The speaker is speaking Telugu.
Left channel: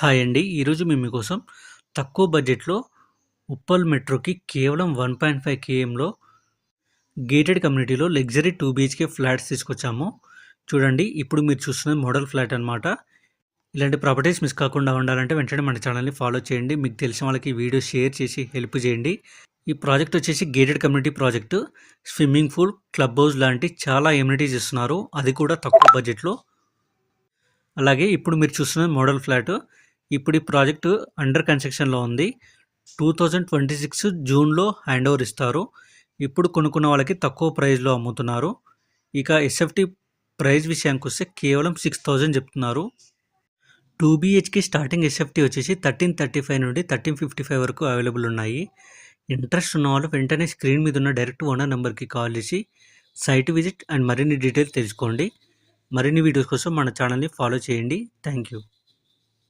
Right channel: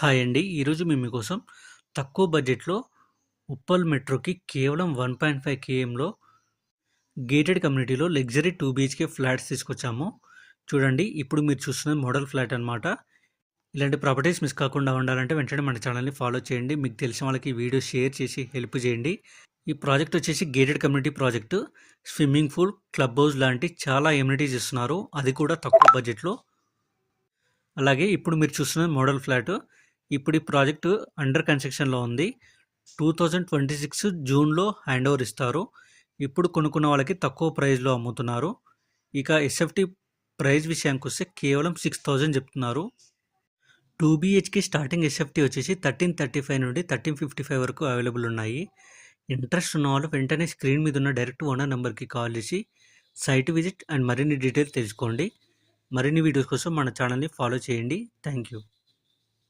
హాయ్ అండి. ఈరోజు మేము మీకోసం తక్కువ బడ్జెట్‌లో ఉప్పల్ మెట్రోకి కేవలం 1.5 కేఎంలో గేటెడ్ కమ్యూనిటీలో లగ్జరీ 2 బీహెచ్‌కే ఫ్లాట్స్ తీసుకొచ్చాము. చూడండి, ఇప్పుడు మీరు చూస్తున్నది మోడల్ ఫ్లాట్ అనమాట. ఇలాంటి ప్రాపర్టీస్ మిస్ కాకుండా ఉండాలంటే వెంటనే మన ఛానల్‌ని ఫాలో చేయండి. మీకు తెలిసిన వాళ్ళకి వీడియో షేర్ చేసి హెల్ప్ చేయండి. ఈ ప్రాజెక్ట్ వచ్చేసి gated community project. Swimming pool, club house లాంటి చాలా ఎమ్యూనిటీస్ ఇస్తున్నారు. అది కూడా తక్కువ బడ్జెట్‌లో. అలాగే ఇప్పుడు మీరు చూస్తున్నది మోడల్ ఫ్లాట్. ఇప్పుడు ఈ ప్రాజెక్టు అండర్ కన్స్ట్రక్షన్లో ఉంది. 2026 జూన్లో హ్యాండ్ ఓవర్ ఇస్తారు. ఇప్పుడు కొనుక్కున్న వాళ్ళకి తక్కువ ప్రైస్లో అమ్ముతున్నారు. ఇక ఎస్ఎఫ్టీ ప్రైస్ విషయానికి వస్తే కేవలం 6,000 చెప్తున్నారు. 2 బీహెచ్కి స్టార్టింగ్ ఎస్ఎఫ్టీ వచ్చేసి 1335 నుండి 1355 వరకు అవైలబుల్ ఉన్నాయి. ఇంట్రెస్ట్ ఉన్న వాళ్ళు వెంటనే స్క్రీన్ మీద ఉన్న డైరెక్ట్ ఓనర్ నెంబర్కి కాల్ చేసి సైట్ విజిట్ అండ్ మరిన్ని డీటెయిల్స్ తెలుసుకోండి. మరిన్ని వీడియోస్ కోసం మన ఛానల్ని ఫాలో చేయండి. Thank you.